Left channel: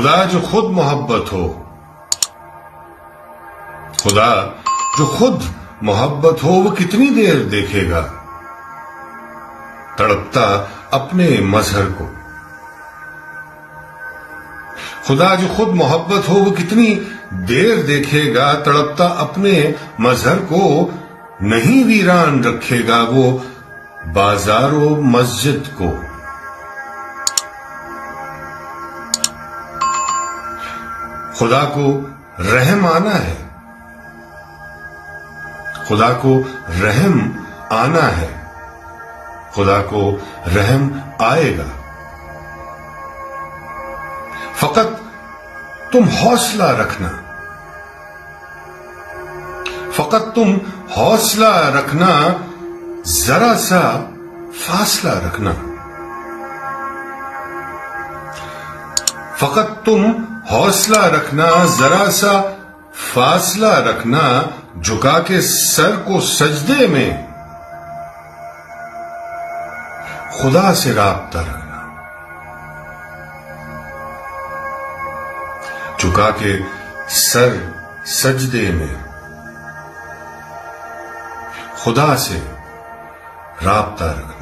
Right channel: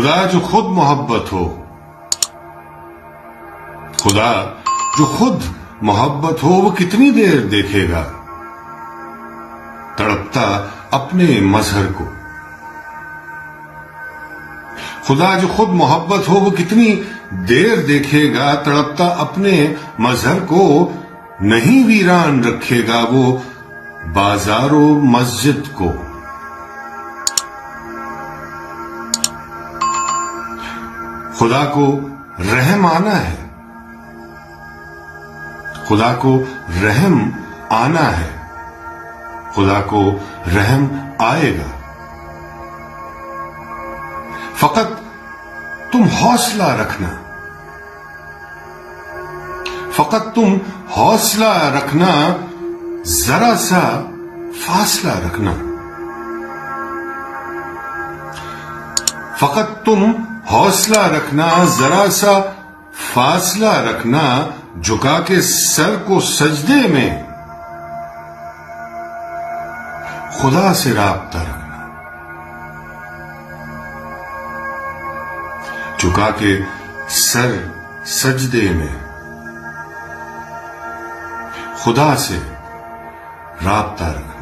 خدا جو خود محبت ہو، خدا جو خود محبت ہو، وہ کتنی دیر دیکھے گا تڑپتا اپنے مظہر کو؟ خدا جو خود محبت ہو، وہ کتنی دیر دیکھے گا تڑپتا اپنے مظہر کو؟ نہیں ویران رکھے گا وہ بازار و مسجد کو۔ خدا کو رحم آنا ہے، خدا کو رحم آنا ہے، خدا کو رحم آئے گا۔ فقط تم حوصلہ رکھنا، فقط تم حوصلہ رکھنا، ذرا سا فاصلہ رکھنا، فقط تم حوصلہ رکھنا، ذرا سا فاصلہ رکھنا، جھکا کے سر کو سجدے میں خدا سے رابطہ رکھنا، جھکا کے سر سجدے میں خدا سے رابطہ رکھنا۔